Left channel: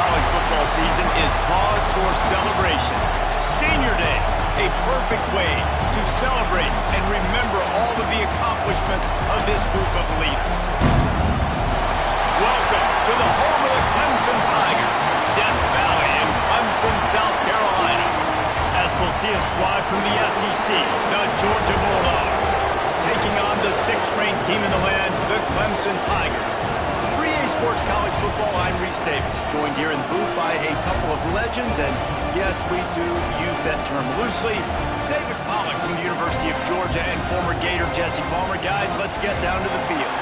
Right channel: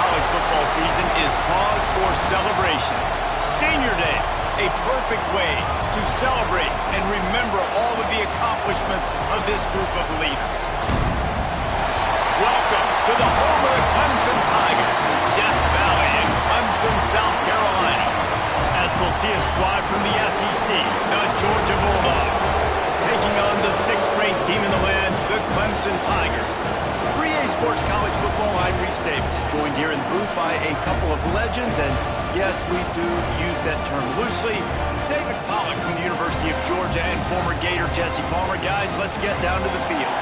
college football season is cause for celebration. Senior Day, a perfect way to celebrate and remember all of the accomplishments of this group of leaders. Welcome to the home of the Clemson Tigers, Death Valley in Clemson, South Carolina. As we'll see a squad from the SEC, the Georgia Bulldogs, taking on the 6th-ranked team in the land, the Clemson Tigers. For EA Sports College Football, I'm Reese Davis, joined here in the booth by a couple of legends, and yes, we do use that term loosely. David Pollack from the University of Georgia and former Gator Jesse Palmer. Guys, let's get down to the field.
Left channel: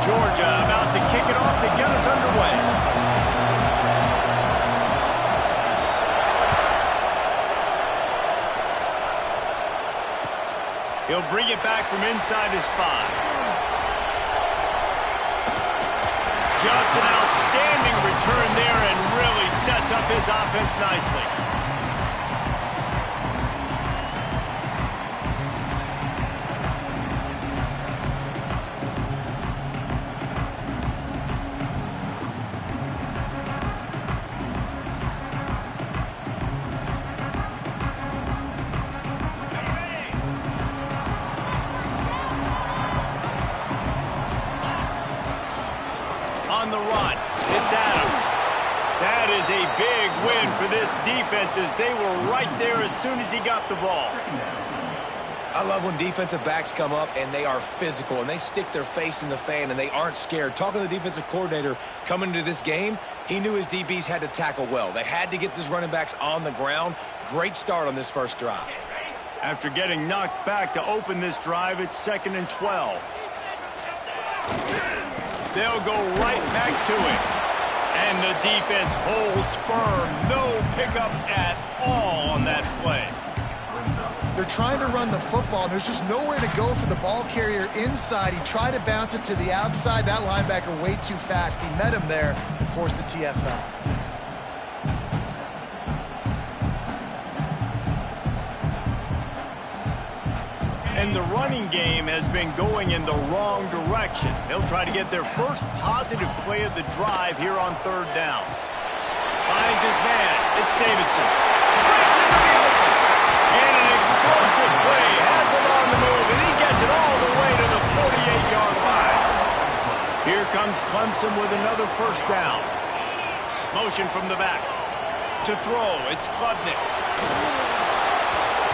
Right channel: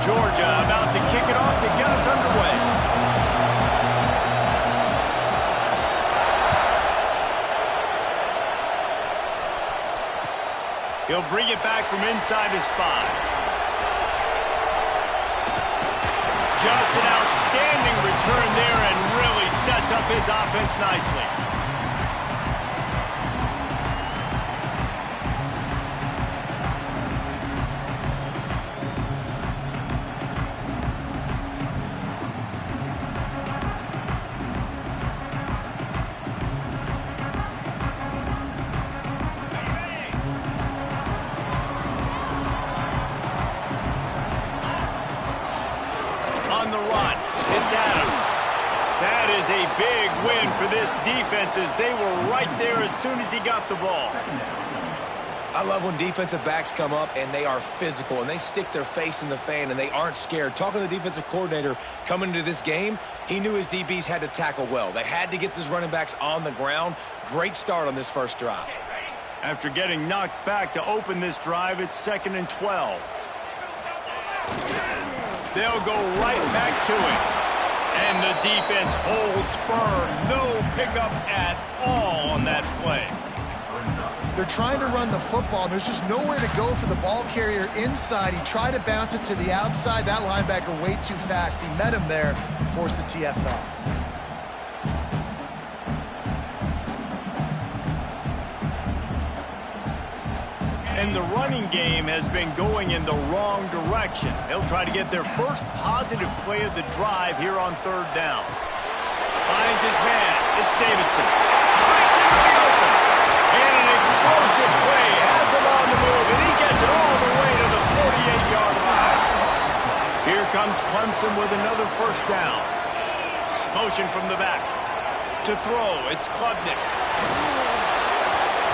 Georgia about to kick it off to get us underway. He'll bring it back from inside his 5. Just an outstanding return there and really sets up his offense nicely. On the run, it's Adams. That is a big win for this defense as they were right there as soon as he got the ball. I love when defensive backs come up and they are physical and they stick their face in the fan and they aren't scared. Talking to the defensive coordinator coming into this game, he knew his DBs had to tackle well. They had to get these running backs on the ground. Great start on this first drive. After getting knocked back to open this drive, it's 2nd and 12. They'll go right back to it. And the defense holds firm. No pickup at all on that play. They're trying to run the football. There's just nowhere to go for the ball carrier inside. He tried to bounce it to the outside. That linebacker way too fast. He met him there and forced the TFL. And the running game has been going in the wrong direction. They'll try to get their first positive play of the drive here on 3rd down. Finds his man. It's Davidson. Breaks into the open. And an explosive play. Has it on the move. And he gets it all the way to the 48-yard line. Here comes Clemson with another 1st down. Motion from the back. To throw. It's Klubnik.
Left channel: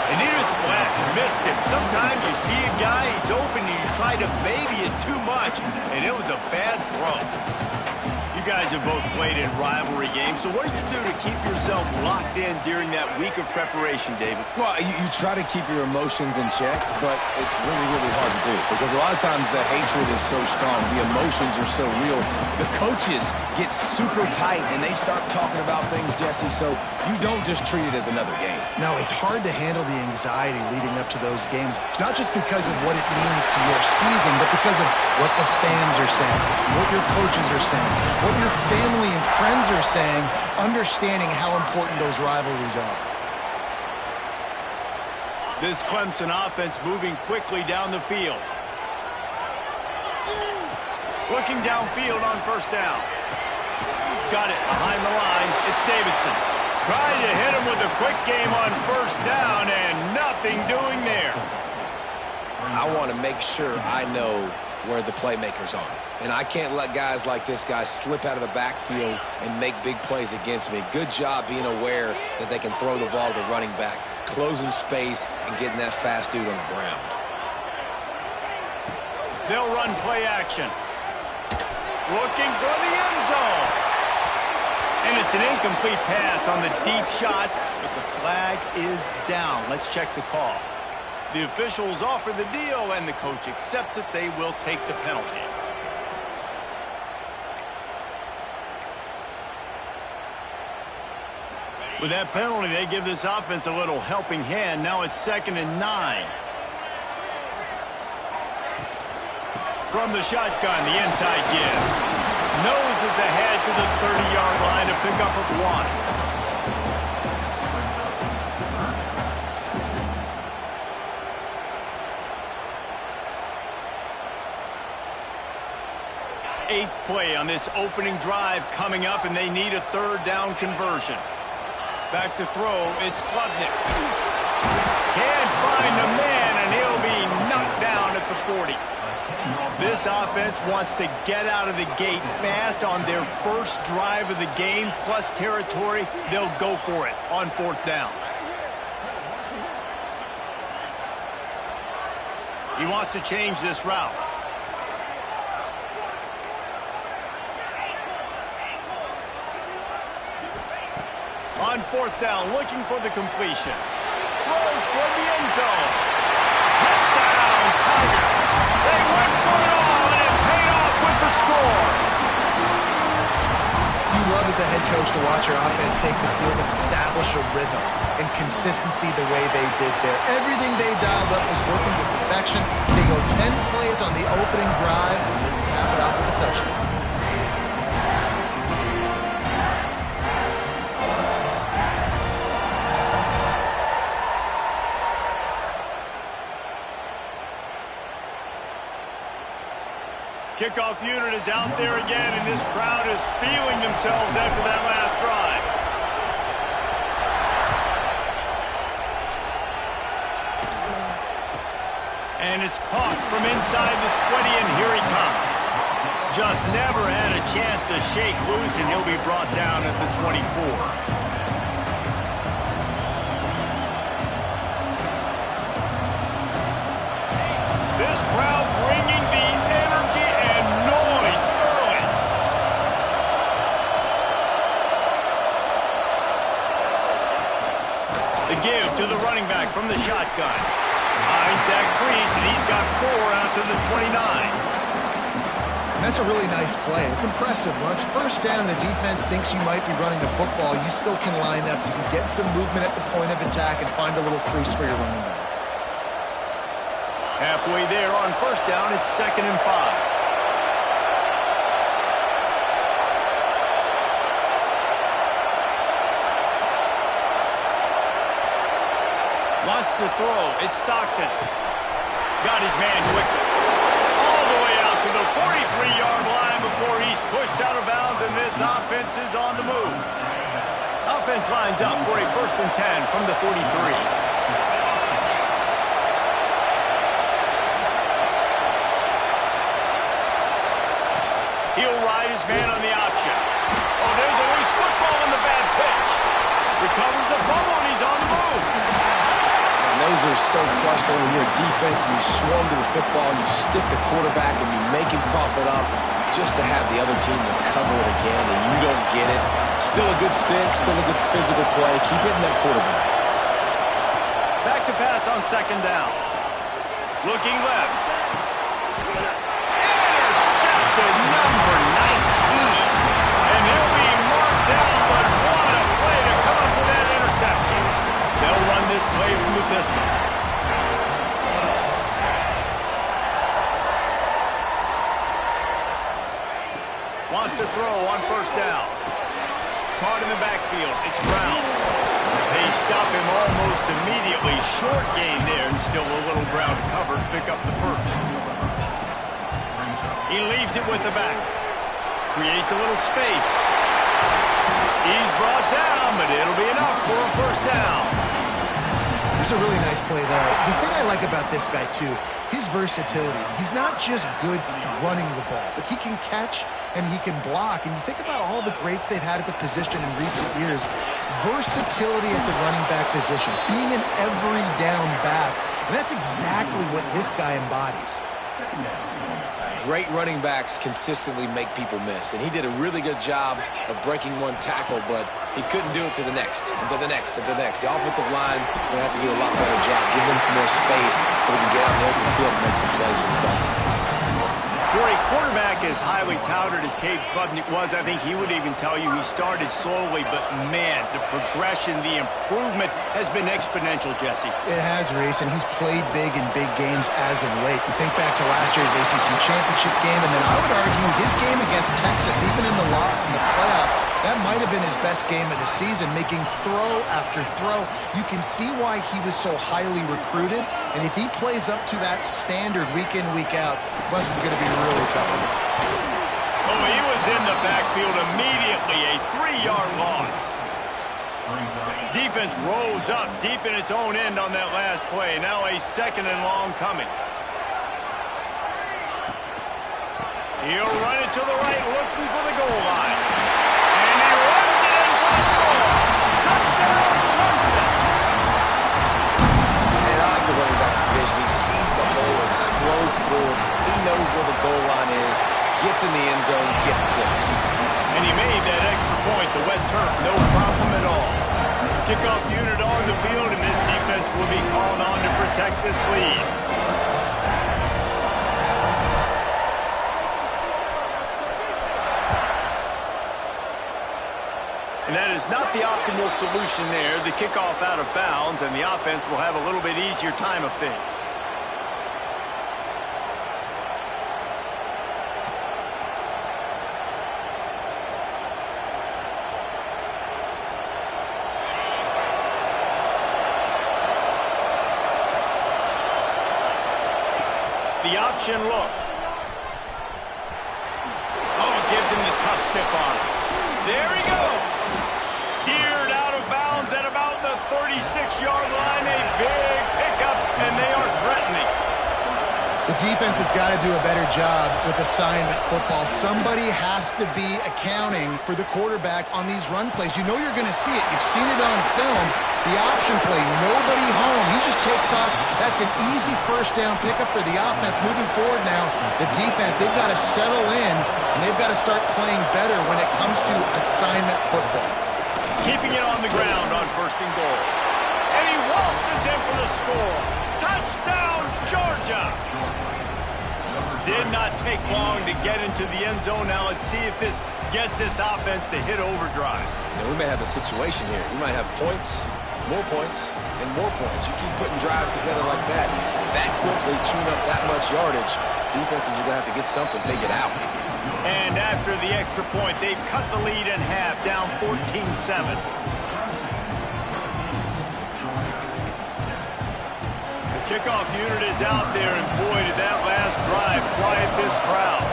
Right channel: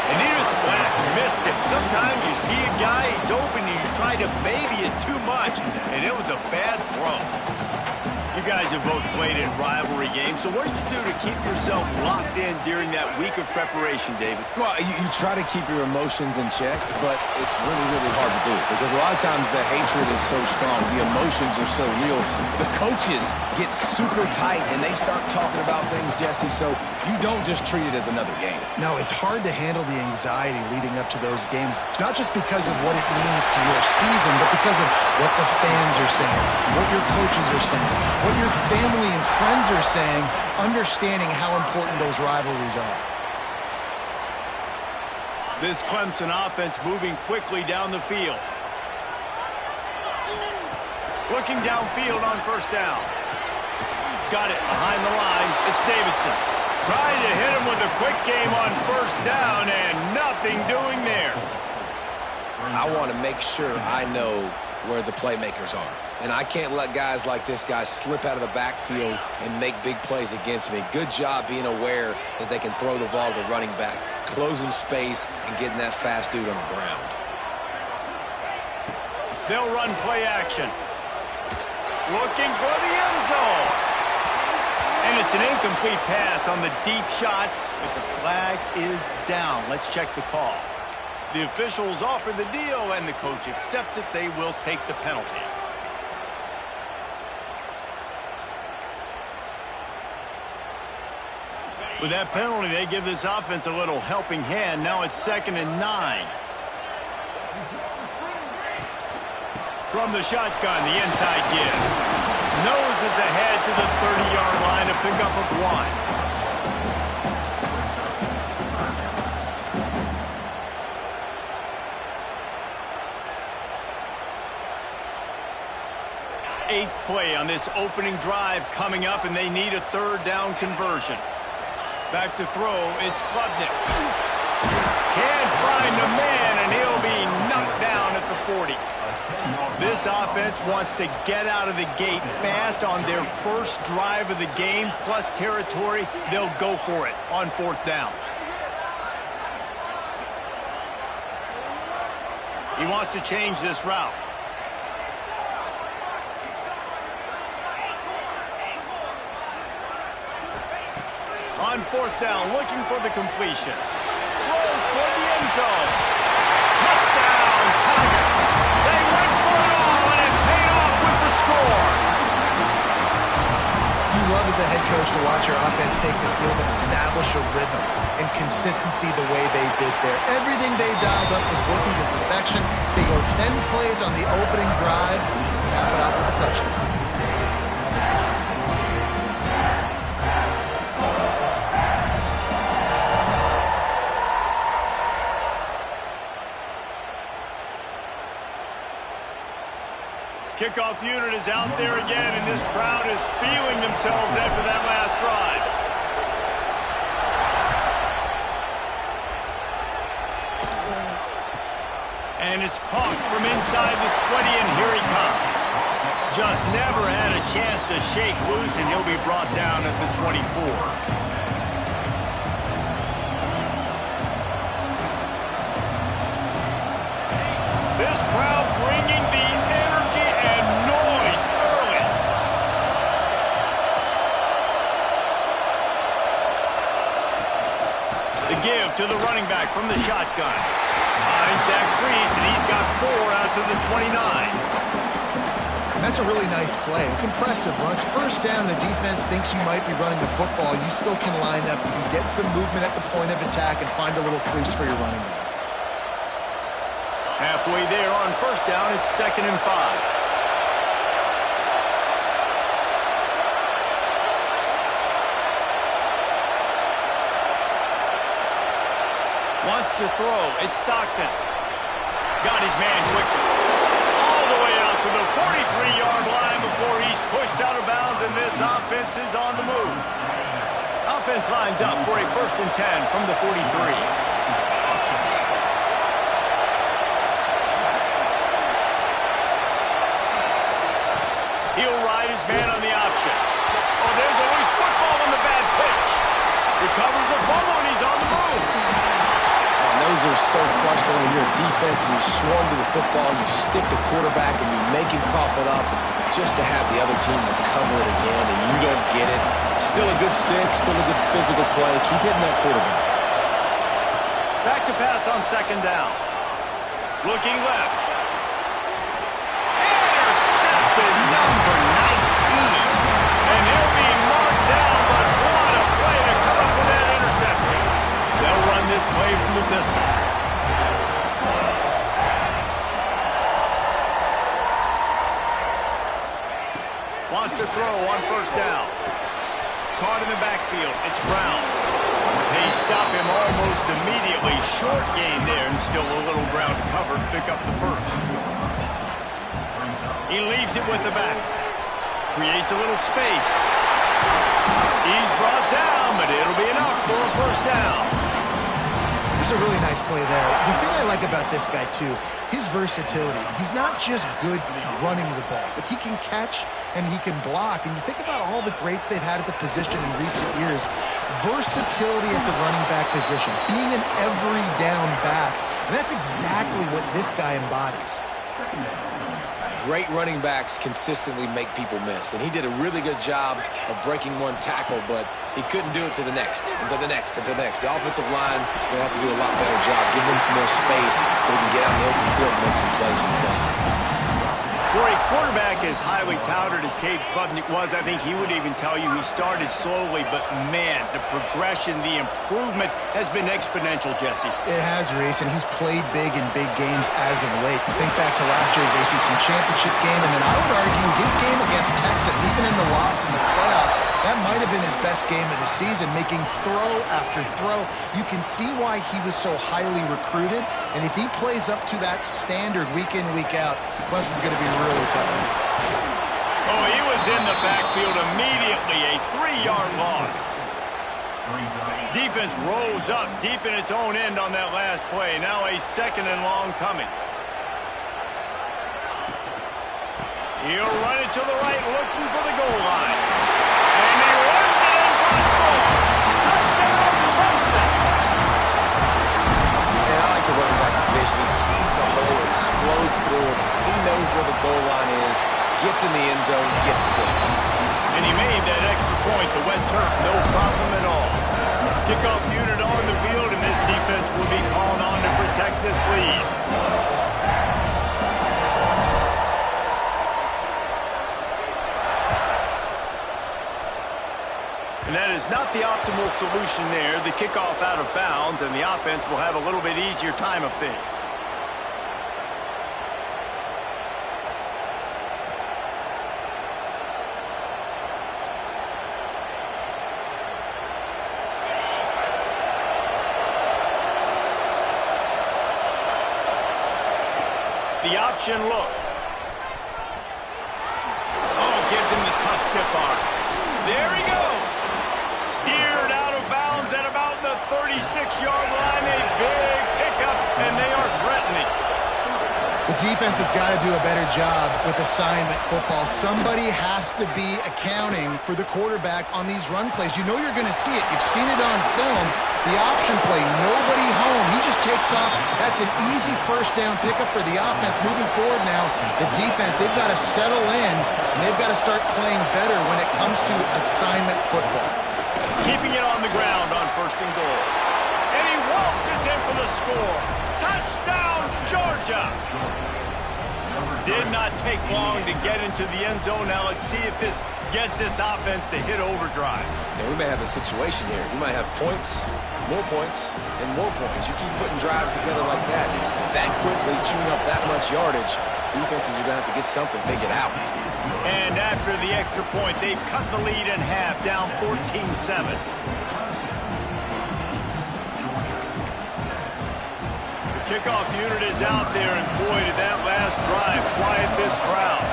And he just flat missed him. Sometimes you see a guy, he's open, and you try to baby it too much, and it was a bad throw. You guys have both played in rivalry games, so what did you do to keep yourself locked in during that week of preparation, David? Well, you try to keep your emotions in check, but it's really, really hard to do because a lot of times the hatred is so strong. The emotions are so real. The coaches get super tight, and they start talking about things, Jesse, so you don't just treat it as another game. No, it's hard to handle the anxiety leading up to those games, not just because of what it means to your season, but because of what the fans are saying, what your coaches are saying, what your family and friends are saying, understanding how important those rivalries are. This Clemson offense moving quickly down the field. Looking downfield on 1st down. Got it behind the line. It's Davidson. Trying to hit him with a quick game on 1st down and nothing doing there. I want to make sure I know where the playmakers are. And I can't let guys like this guy slip out of the backfield and make big plays against me. Good job being aware that they can throw the ball to the running back, closing space, and getting that fast dude on the ground. They'll run play action. Looking for the end zone. And it's an incomplete pass on the deep shot, but the flag is down. Let's check the call. The officials offer the deal, and the coach accepts it. They will take the penalty. With that penalty, they give this offense a little helping hand. Now it's 2nd and 9. From the shotgun, the inside give. Noses ahead to the 30-yard line to pick up of 1. 8th play on this opening drive coming up, and they need a 3rd down conversion. Back to throw, it's Klubnik. Can't find a man, and he'll be knocked down at the 40. This offense wants to get out of the gate fast on their first drive of the game, plus territory. They'll go for it on 4th down. He wants to change this route. On 4th down, looking for the completion. Throws toward the end zone. Touchdown, Tigers. They went for it all, and it paid off with the score. You love as a head coach to watch your offense take the field and establish a rhythm and consistency the way they did there. Everything they dialed up was working to perfection. They go 10 plays on the opening drive, cap it out with a touchdown. Kickoff unit is out there again, and this crowd is feeling themselves after that last drive. And it's caught from inside the 20, and here he comes. Just never had a chance to shake loose, and he'll be brought down at the 24. This crowd bringing the energy and noise early. The give to the running back from the shotgun. Finds that crease, and he's got 4 out to the 29. And that's a really nice play. It's impressive. When it's 1st down, the defense thinks you might be running the football. You still can line up. You can get some movement at the point of attack and find a little crease for your running back. Halfway there on 1st down, it's 2nd and 5. Wants to throw. It's Stockton. Got his man quickly. All the way out to the 43-yard line before he's pushed out of bounds, and this offense is on the move. Offense lines up for a 1st and 10 from the 43. He'll ride his man on the option. Oh, there's a loose football on the bad pitch. Recovers the fumble, and he's on the move. And those are so frustrating when you're a defense and you swarm to the football, you stick the quarterback, and you make him cough it up just to have the other team recover it again, and you don't get it. Still a good stick, still a good physical play. Keep hitting that quarterback. Back to pass on 2nd down. Looking left. Number 19. And he'll be marked down, but what a play to come up with that interception. They'll run this play from the pistol. Wants to throw on 1st down. Caught in the backfield. It's Brown. They stop him almost immediately. Short gain there, and still a little ground to cover to pick up the 1st. He leaves it with the back. Creates a little space. He's brought down, but it'll be enough for a 1st down. There's a really nice play there. The thing I like about this guy, too, his versatility. He's not just good running the ball, but he can catch and he can block. And you think about all the greats they've had at the position in recent years. Versatility at the running back position. Being an every down back. And that's exactly what this guy embodies. Great running backs consistently make people miss, and he did a really good job of breaking one tackle, but he couldn't do it to the next, and to the next, and to the next. The offensive line will have to do a lot better job, give them some more space so we can get out in the open field and make some plays for this offense. For a quarterback as highly touted as Cade Klubnik was, I think he would even tell you he started slowly, but man, the progression, the improvement has been exponential, Jesse. It has, Reese, and he's played big in big games as of late. You think back to last year's ACC championship game, and then I would argue his game against Texas, even in the loss in the playoff, that might have been his best game of the season, making throw after throw. You can see why he was so highly recruited, and if he plays up to that standard week in, week out, Clemson's going to be really tough to beat. Oh, he was in the backfield immediately, a 3-yard loss. Defense rolls up deep in its own end on that last play. Now a 2nd and long coming. He'll run it to the right, looking for the goal line. And he runs it in for a score. Touchdown, Clemson. And I like the running back's vision. He sees the hole, explodes through it. He knows where the goal line is, gets in the end zone, gets 6. And he made that extra point, the wet turf, no problem at all. Kickoff unit on the field, and this defense will be called on to protect this lead. And that is not the optimal solution there. The kickoff out of bounds, and the offense will have a little bit easier time of things. The option look. Oh, gives him the tough stiff arm. There he goes. Steered out of bounds at about the 36-yard line. A big pickup, and they are threatening. The defense has got to do a better job with assignment football. Somebody has to be accounting for the quarterback on these run plays. You know you're going to see it. You've seen it on film. The option play, nobody home. He just takes off. That's an easy first down pickup for the offense. Moving forward now, the defense, they've got to settle in, and they've got to start playing better when it comes to assignment football. Keeping it on the ground on 1st and goal. And he waltzes in for the score. Touchdown, Georgia! Did not take long to get into the end zone. Now let's see if this gets this offense to hit overdrive. Now we may have a situation here. We might have points, and more points. You keep putting drives together like that quickly, chewing up that much yardage, defenses are going to have to get something figured out. And after the extra point, they've cut the lead in half, down 14-7. Kickoff unit is out there, and boy, did that last drive quiet this crowd.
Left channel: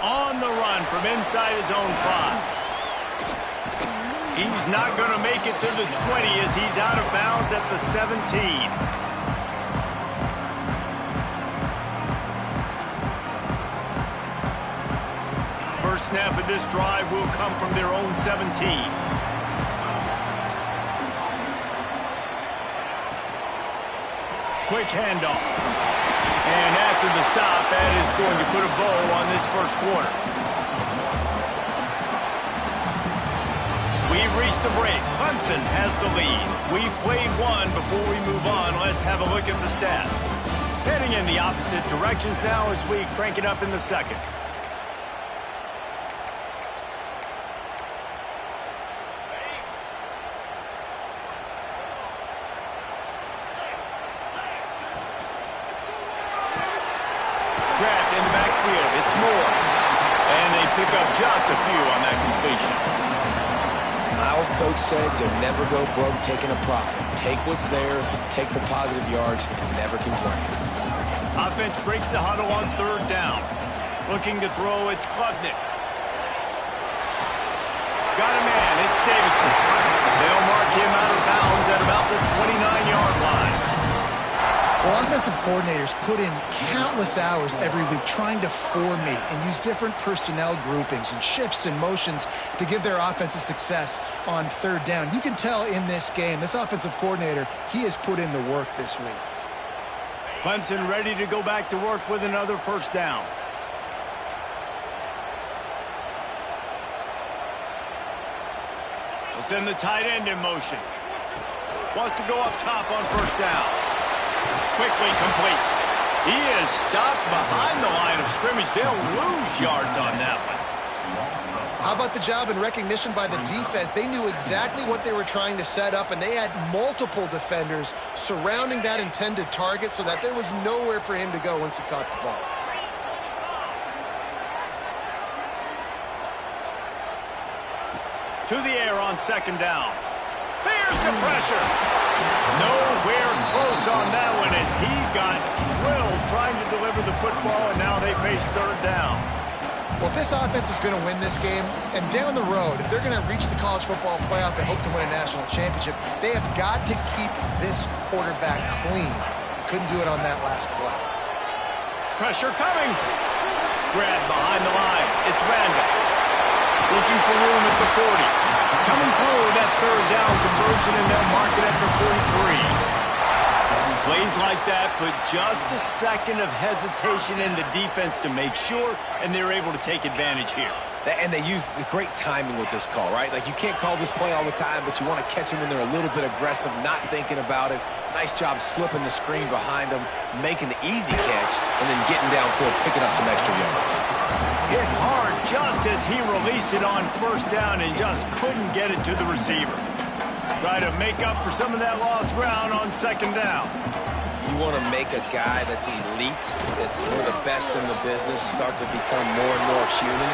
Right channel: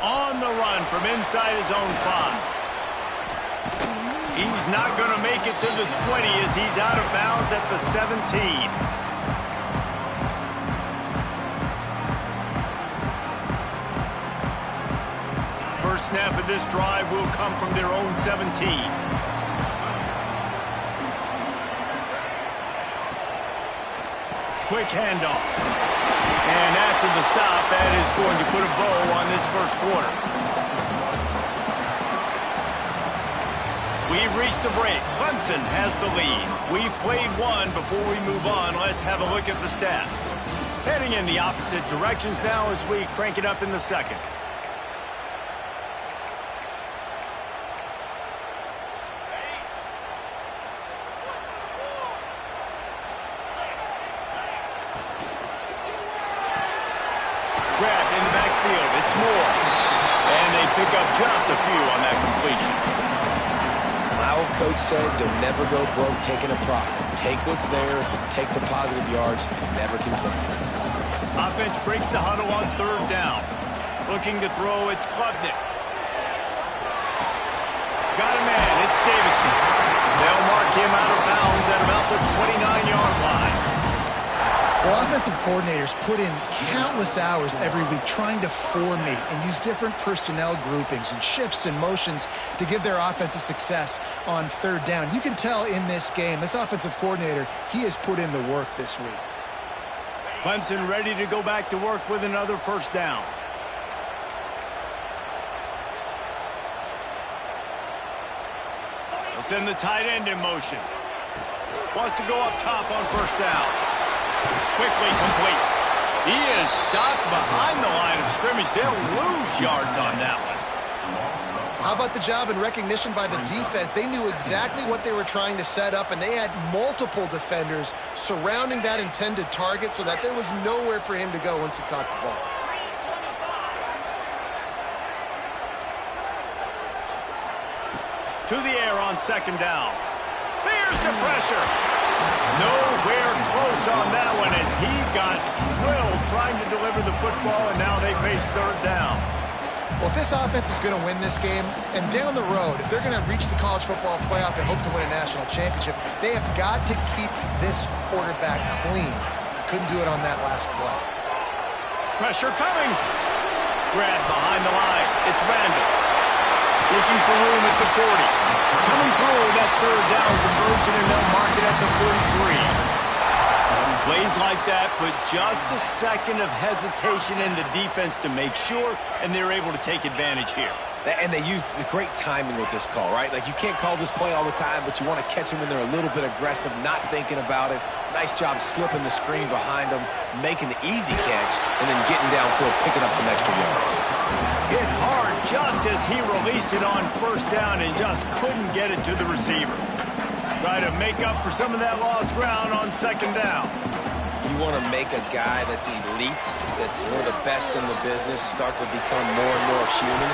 On the run from inside his own 5. He's not going to make it to the 20 as he's out of bounds at the 17. First snap of this drive will come from their own 17. Quick handoff. And after the stop, that is going to put a bow on this first quarter. We've reached the break. Clemson has the lead. We've played one. Before we move on, let's have a look at the stats. Heading in the opposite directions now as we crank it up in the second. Grabbed in the backfield. It's Moore. And they pick up just a few on that completion. My old coach said you'll never go broke taking a profit. Take what's there, take the positive yards, and never complain. Offense breaks the huddle on 3rd down. Looking to throw, it's Klubnik. Got a man, it's Davidson. They'll mark him out of bounds at about the 29-yard line. Well, offensive coordinators put in countless hours every week trying to formate and use different personnel groupings and shifts and motions to give their offensive success on 3rd down. You can tell in this game, this offensive coordinator, he has put in the work this week. Clemson ready to go back to work with another first down. They'll send the tight end in motion. Wants to go up top on first down. Quickly complete. He is stopped behind the line of scrimmage. They'll lose yards on that one. How about the job and recognition by the defense? They knew exactly what they were trying to set up, and they had multiple defenders surrounding that intended target so that there was nowhere for him to go once he caught the ball. To the air on 2nd down. There's the pressure. Nowhere close on that one as he got drilled trying to deliver the football, and now they face third down. Well, if this offense is going to win this game, and down the road, if they're going to reach the college football playoff and hope to win a national championship, they have got to keep this quarterback clean. Couldn't do it on that last play. Pressure coming. Grab behind the line. It's Randall. Looking for room at the 40. Coming through that third down conversion, and they'll mark it at the 43. Plays like that, but just a second of hesitation in the defense to make sure, and they're able to take advantage here. And they use great timing with this call, right? Like, you can't call this play all the time, but you want to catch them when they're a little bit aggressive, not thinking about it. Nice job slipping the screen behind them, making the easy catch, and then getting downfield, picking up some extra yards. Hit hard just as he released it on first down and just couldn't get it to the receiver. Try to make up for some of that lost ground on second down. You want to make a guy that's elite, that's one of the best in the business, start to become more and more human.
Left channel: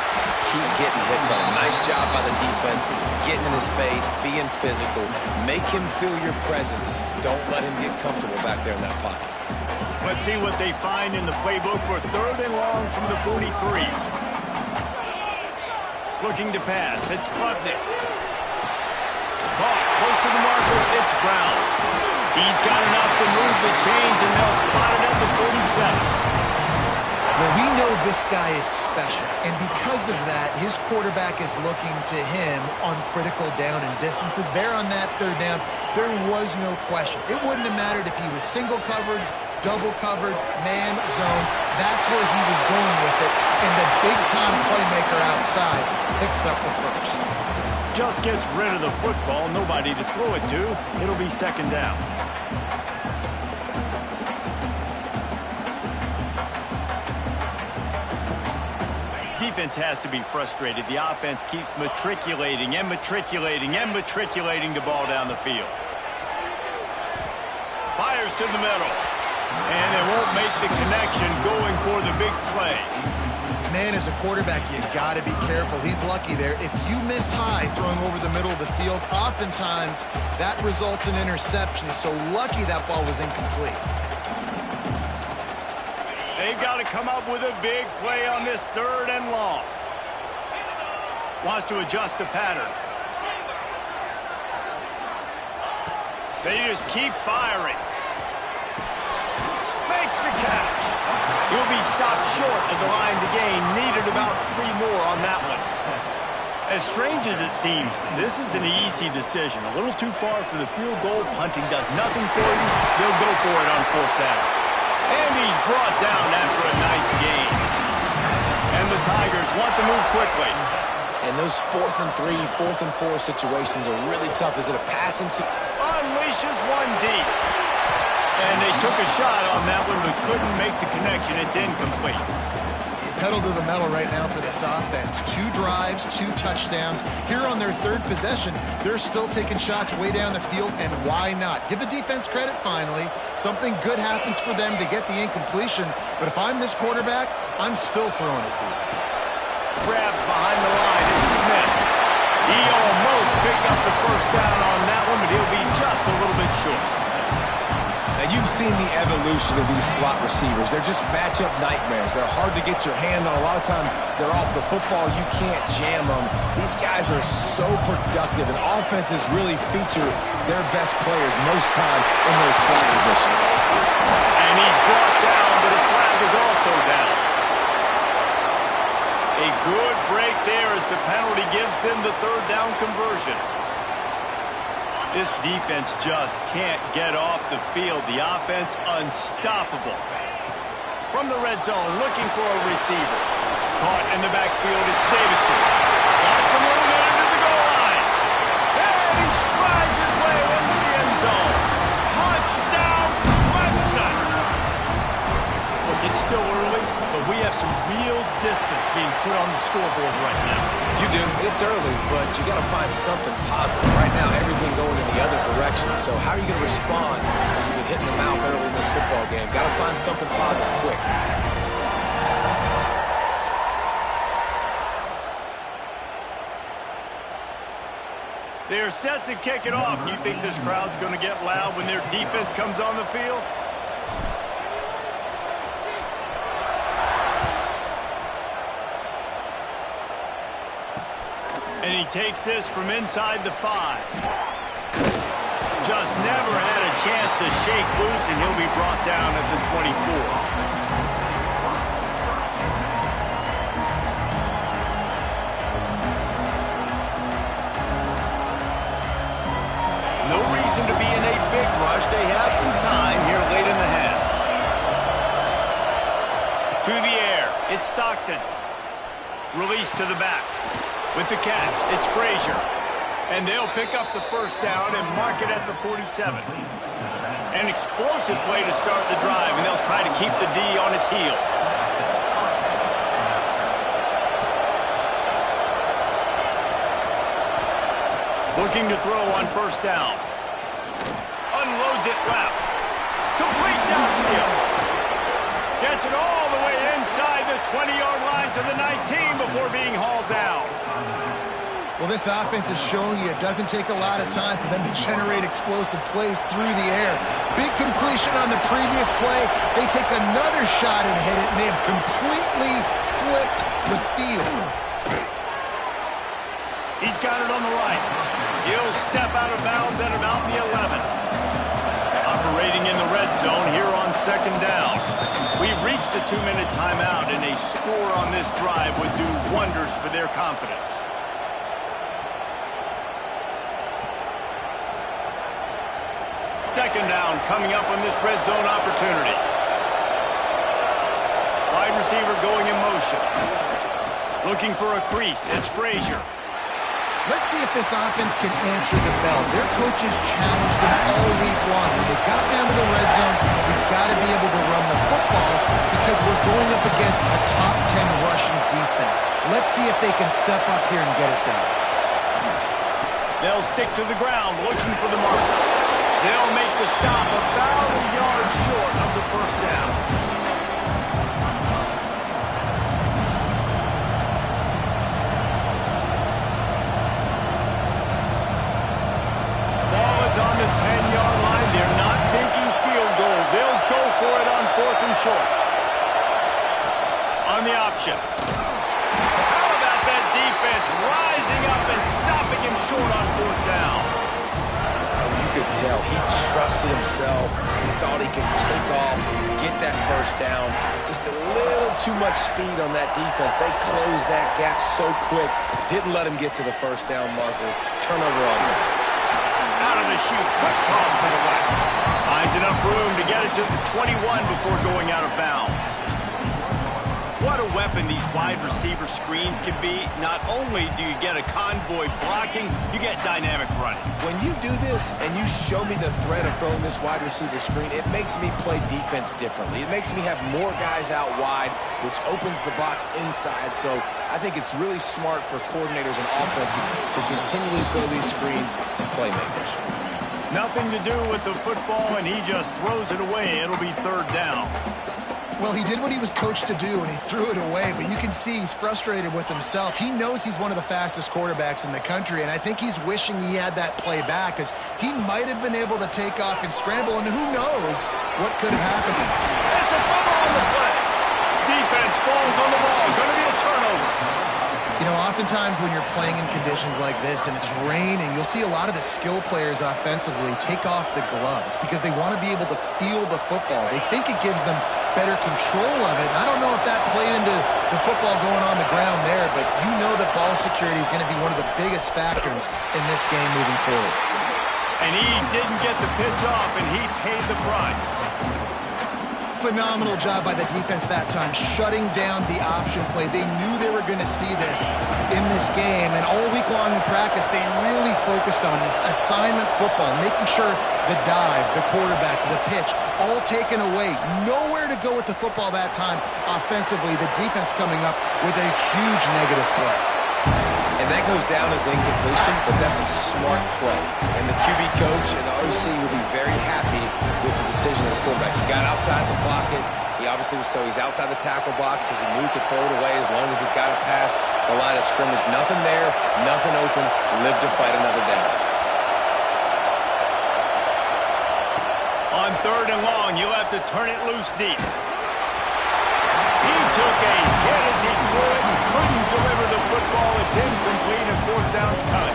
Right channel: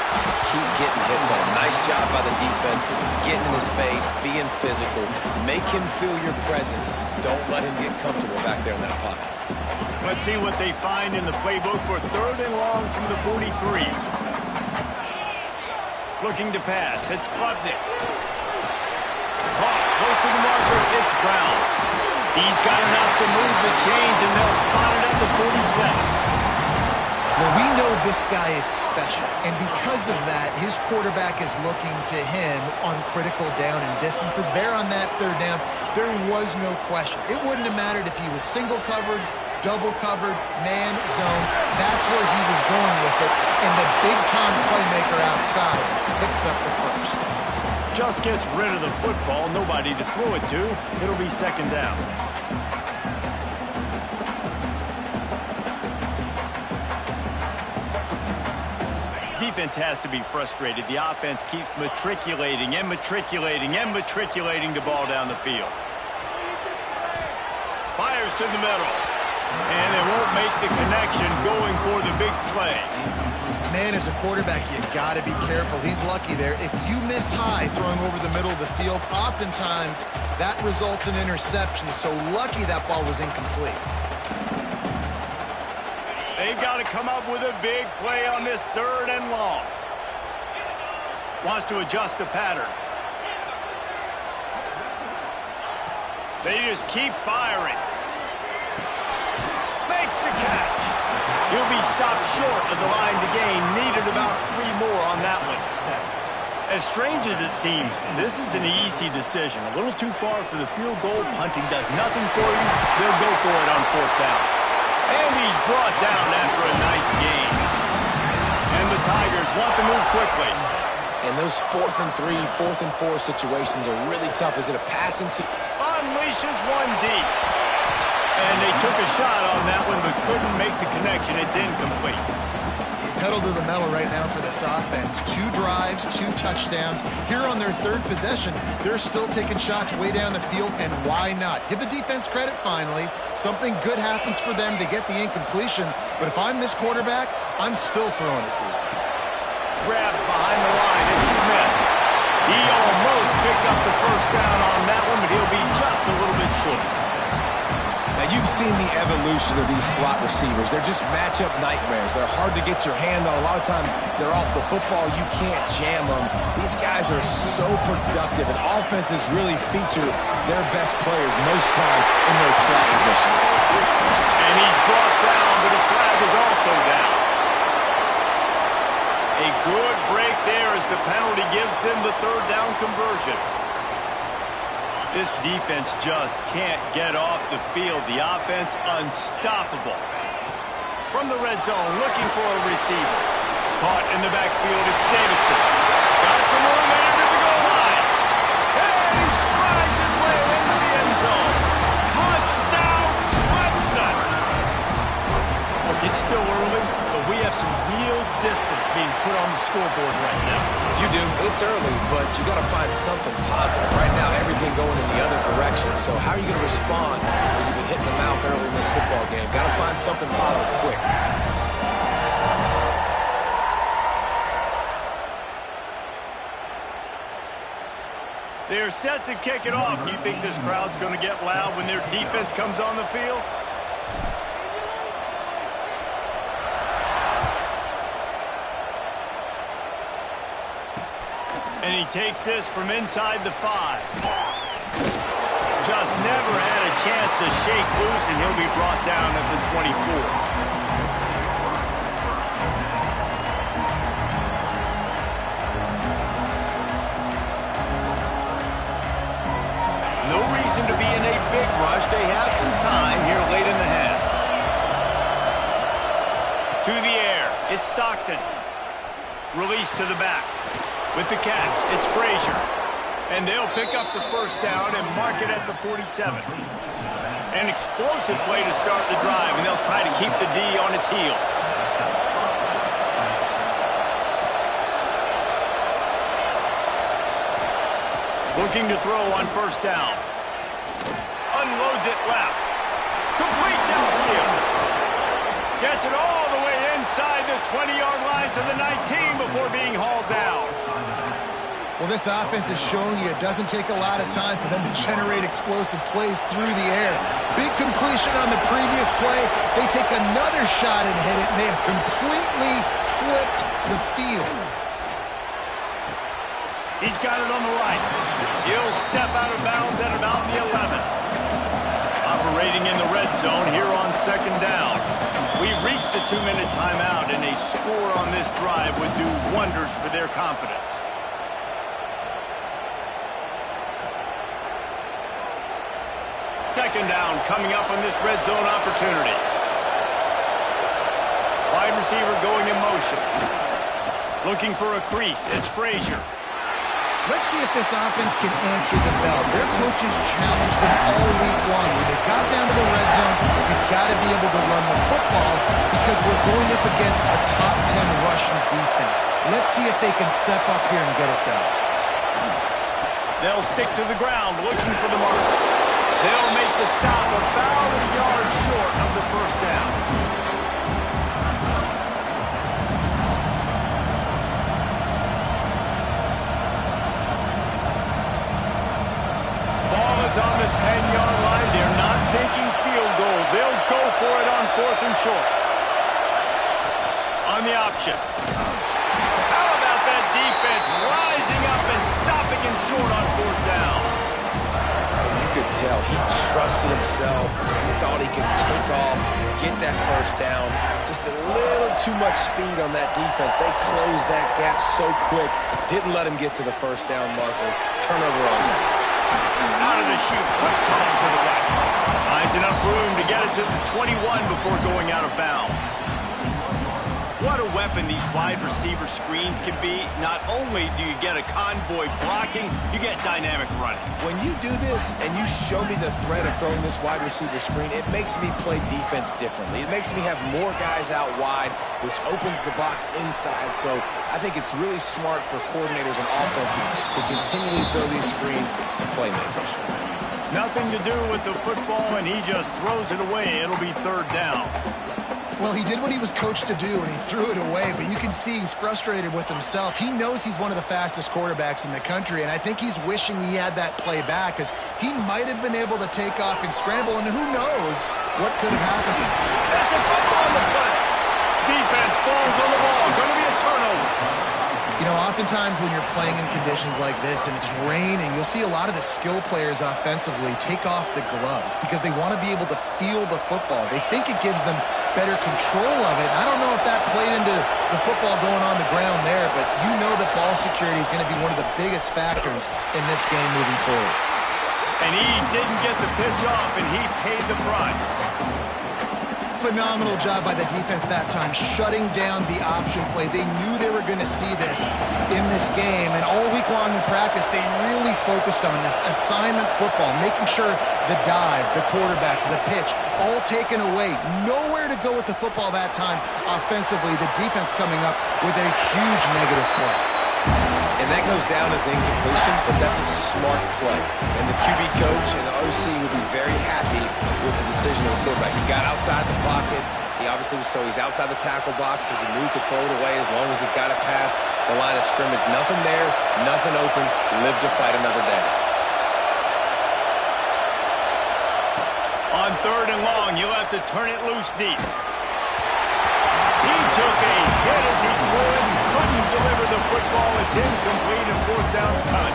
Keep getting hits on him. Nice job by the defense, getting in his face, being physical. Make him feel your presence. Don't let him get comfortable back there in that pocket. Let's see what they find in the playbook for third and long from the 43. Looking to pass. It's Klubnik. Caught close to the marker. It's Brown. He's got enough to move the chains, and they'll spot it at the 47. Well, we know this guy is special, and because of that, his quarterback is looking to him on critical down and distances. There on that third down, there was no question. It wouldn't have mattered if he was single covered, double covered, man, zone. That's where he was going with it, and the big-time playmaker outside picks up the first. Just gets rid of the football, nobody to throw it to. It'll be second down. Defense has to be frustrated. The offense keeps matriculating and matriculating and matriculating the ball down the field. Fires to the middle. And they won't make the connection going for the big play. Man, as a quarterback, you got to be careful. He's lucky there. If you miss high throwing over the middle of the field, oftentimes that results in interception. So lucky that ball was incomplete. They've got to come up with a big play on this third and long. Wants to adjust the pattern. They just keep firing. Makes the catch. He'll be stopped short of the line to gain. Needed about 3 more on that one. As strange as it seems, this is an easy decision. A little too far for the field goal. Punting does nothing for you. They'll go for it on fourth down. And he's brought down after a nice gain. And the Tigers want to move quickly. And those 4th and 3, 4th and 4 situations are really tough. Is it a passing? Unleashes one deep. And they took a shot on that one, but couldn't make the connection. It's incomplete. Pedal to the metal right now for this offense. 2 drives, 2 touchdowns. Here on their third possession, they're still taking shots way down the field, and why not? Give the defense credit finally. Something good happens for them to get the incompletion, but if I'm this quarterback, I'm still throwing it deep. Grabbed behind the line, it's Smith. He almost picked up the first down on that one, but he'll be just a little bit short. Now, you've seen the evolution of these slot receivers. They're just matchup nightmares. They're hard to get your hand on. A lot of times, they're off the football. You can't jam them. These guys are so productive, and offenses really feature their best players most time in those slot positions. And he's brought down, but a flag is also down. A good break there as the penalty gives them the third down conversion. This defense just can't get off the field. The offense unstoppable. From the red zone, looking for a receiver. Caught in the backfield, it's Davidson. Got some room headed to the goal line. And he strides his way into the end zone. Touchdown, Clemson. Look, it's still early, but we have some real distance being put on the scoreboard right now. You do. It's early, but you got to find something positive. Right now, everything going in the other direction. So how are you going to respond when you've been hitting the mouth early in this football game? Got to find something positive quick. They're set to kick it off. You think this crowd's going to get loud when their defense comes on the field? And he takes this from inside the 5. Just never had a chance to shake loose, and he'll be brought down at the 24. No reason to be in a big rush. They have some time here late in the half. To the air, it's Stockton. Release to the back. With the catch, it's Frazier. And they'll pick up the first down and mark it at the 47. An explosive play to start the drive, and they'll try to keep the D on its heels. Looking to throw on first down. Unloads it left. Complete downfield. Gets it all the way inside the 20-yard line to the 19 before being hauled down. Well, this offense has shown you it doesn't take a lot of time for them to generate explosive plays through the air. Big completion on the previous play. They take another shot and hit it, and they have completely flipped the field. He's got it on the right. He'll step out of bounds at about the 11. Operating in the red zone here on second down. We've reached the 2-minute timeout, and a score on this drive would do wonders for their confidence. Second down coming up on this red zone opportunity. Wide receiver going in motion. Looking for a crease. It's Frazier. Let's see if this offense can answer the bell. Their coaches challenged them all week long. When they got down to the red zone, we've got to be able to run the football because we're going up against a top 10 rushing defense. Let's see if they can step up here and get it done. They'll stick to the ground looking for the marker. They'll make the stop about a yard short of the first down. On the 10-yard line. They're not thinking field goal. They'll go for it on 4th and short. On the option. How about that defense rising up and stopping him short on 4th down? And you could tell he trusted himself. He thought he could take off, get that first down. Just a little too much speed on that defense. They closed that gap so quick. Didn't let him get to the first down marker. Turnover on downs. Out of the chute, quick toss to the right. Finds enough room to get it to the 21 before going out of bounds. What a weapon these wide receiver screens can be. Not only do you get a convoy blocking, you get dynamic running. When you do this and you show me the threat of throwing this wide receiver screen, it makes me play defense differently. It makes me have more guys out wide, which opens the box inside. So I think it's really smart for coordinators and offenses to continually throw these screens to playmakers. Nothing to do with the football, and he just throws it away. It'll be 3rd down. Well, he did what he was coached to do, and he threw it away, but you can see he's frustrated with himself. He knows he's one of the fastest quarterbacks in the country, and I think he's wishing he had that play back because he might have been able to take off and scramble, and who knows what could have happened. That's a fumble on the play. Defense falls on the ball. Going to be a turnover. You know, oftentimes when you're playing in conditions like this and it's raining, you'll see a lot of the skill players offensively take off the gloves because they want to be able to feel the football. They think it gives them better control of it. And I don't know if that played into the football going on the ground there, but you know that ball security is going to be one of the biggest factors in this game moving forward. And he didn't get the pitch off, and he paid the price. Phenomenal job by the defense that time, shutting down the option play. They knew they were going to see this in this game, and all week long in practice, they really focused on this assignment football, making sure the dive, the quarterback, the pitch, all taken away. Nowhere to go with the football that time offensively. The defense coming up with a huge negative play. And that goes down as incompletion, but that's a smart play. And the QB coach and the OC will be very happy with the decision of the quarterback. He got outside the pocket. He obviously was he's outside the tackle boxes. He knew he could throw it away as long as he got it past the line of scrimmage. Nothing there, nothing open. Live to fight another down. On 3rd and long, you'll have to turn it loose deep. He took a hit as he threw it and couldn't deliver the football. It's incomplete and 4th down's coming.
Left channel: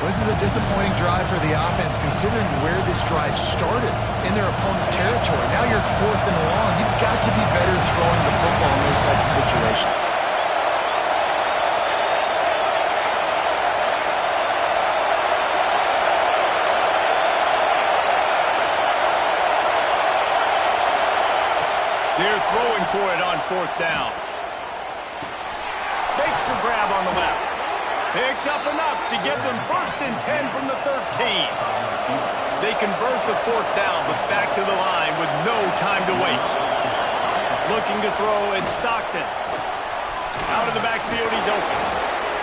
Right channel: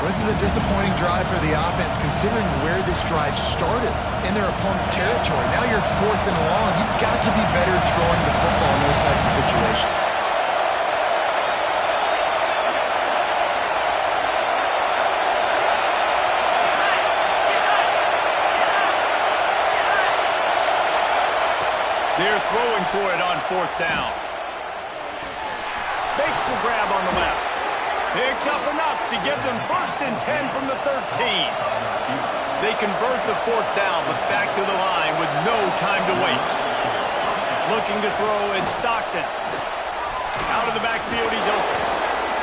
This is a disappointing drive for the offense considering where this drive started in their opponent territory. Now you're 4th and long. You've got to be better throwing the football in those types of situations. They're throwing for it on 4th down. Makes the grab on the left. Picks up enough to give them 1st and 10 from the 13. They convert the 4th down, but back to the line with no time to waste. Looking to throw in Stockton. Out of the backfield, he's open.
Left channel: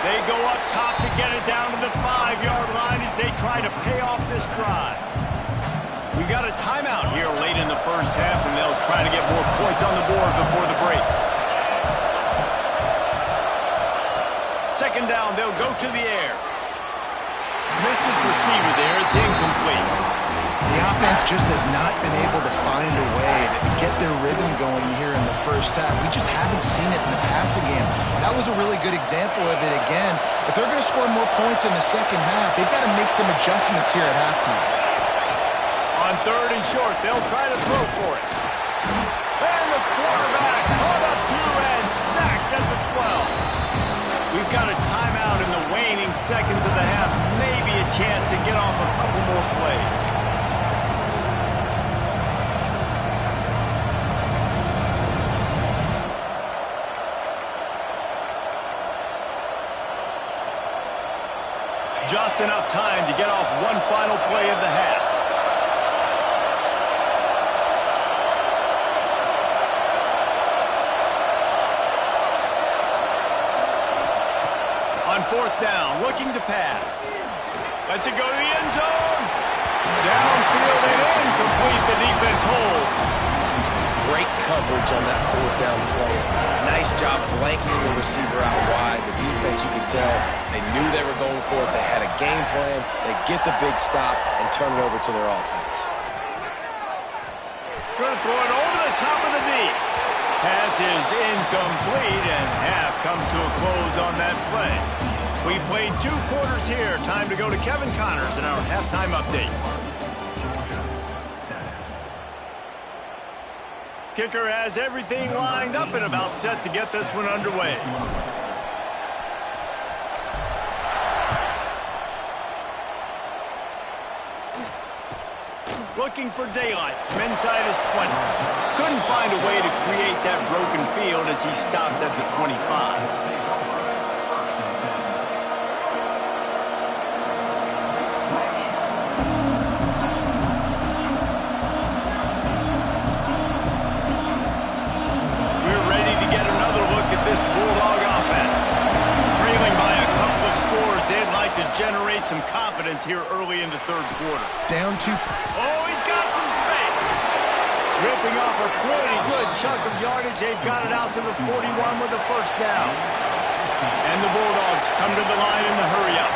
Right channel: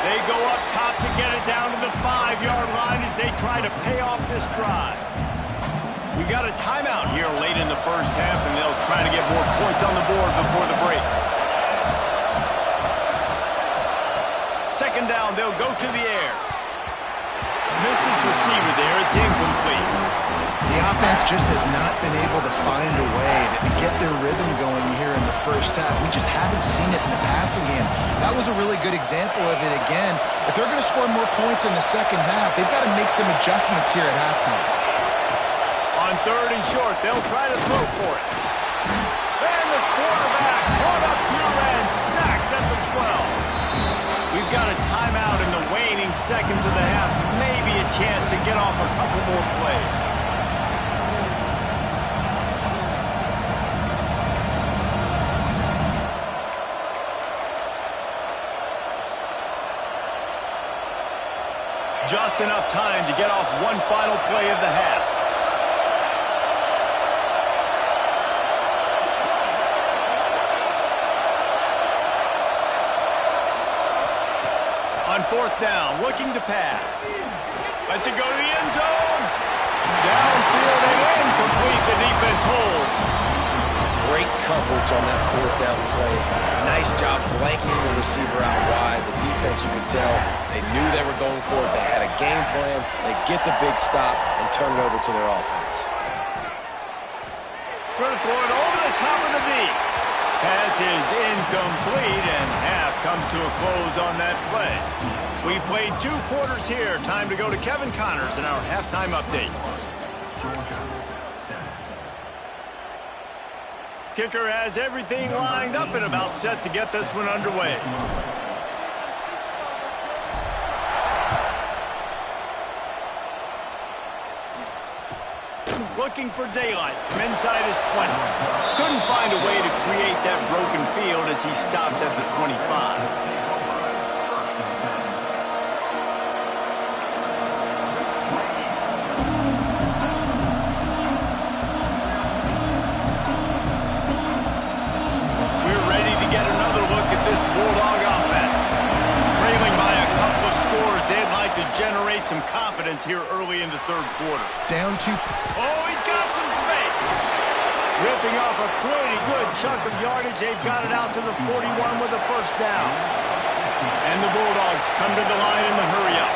They go up top to get it down to the 5-yard line as they try to pay off this drive. We've got a timeout here late in the 1st half, and they'll try to get more points on the board before the break. 2nd down, they'll go to the air. Missed his receiver there. It's incomplete. The offense just has not been able to find a way to get their rhythm going here in the 1st half. We just haven't seen it in the passing game. That was a really good example of it again. If they're going to score more points in the 2nd half, they've got to make some adjustments here at halftime. On 3rd and short, they'll try to throw for it. And the quarterback caught up to and sacked at the 12. We've got a timeout in the waning seconds of the half. Maybe a chance to get off a couple more plays. Just enough time to get off one final play of the half. On 4th down, looking to pass. Lets it go to the end zone. Downfield and incomplete. The defense holds. Great coverage on that 4th down play. Nice job blanking the receiver out wide. The defense, you could tell, they knew they were going for it. They had a game plan. They get the big stop and turn it over to their offense. Going to throw it over the top of the D. Pass is incomplete, and half comes to a close on that play. We played 2 quarters here. Time to go to Kevin Connors in our halftime update. Kicker has everything lined up and about set to get this one underway. Looking for daylight from inside his 20. Couldn't find a way to create that broken field as he stopped at the 25. This Bulldog offense. Trailing by a couple of scores, they'd like to generate some confidence here early in the 3rd quarter. Down 2. Oh, he's got some space. Ripping off a pretty good chunk of yardage. They've got it out to the 41 with a 1st down. And the Bulldogs come to the line in the hurry-up.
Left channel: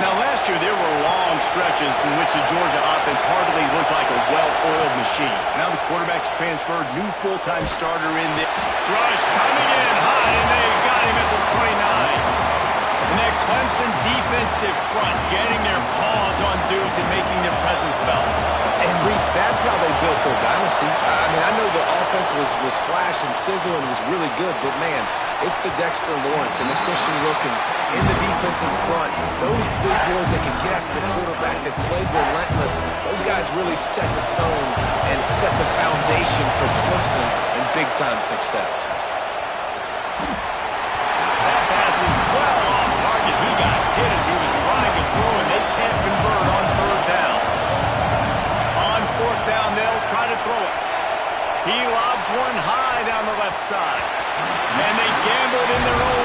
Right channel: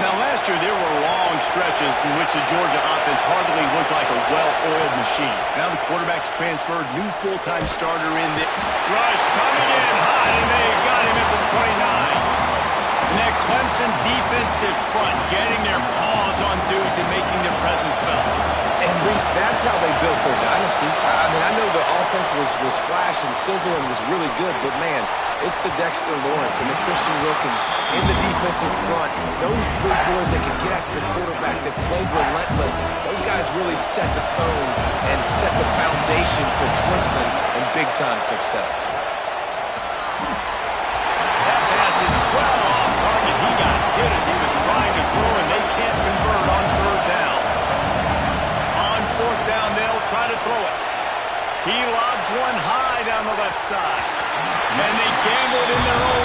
Now, last year, there were long stretches in which the Georgia offense hardly looked like a well-oiled machine. Now the quarterback's transferred, new full-time starter in the rush coming in high, and they got him at the 29. And that Clemson defensive front getting their paws on dudes and making their presence felt. And, Reese, that's how they built their dynasty. I mean, I know the offense was flash and sizzle and was really good, but, man, it's the Dexter Lawrence and the Christian Wilkins in the defensive front. Those big boys that can get after the quarterback, that played relentless, those guys really set the tone and set the foundation for Clemson and big-time success. That pass is well off target. He got hit as he was trying to throw, and they can't convert on 3rd down. On 4th down, they'll try to throw it. He lobs one high down the left side. And they gambled in their own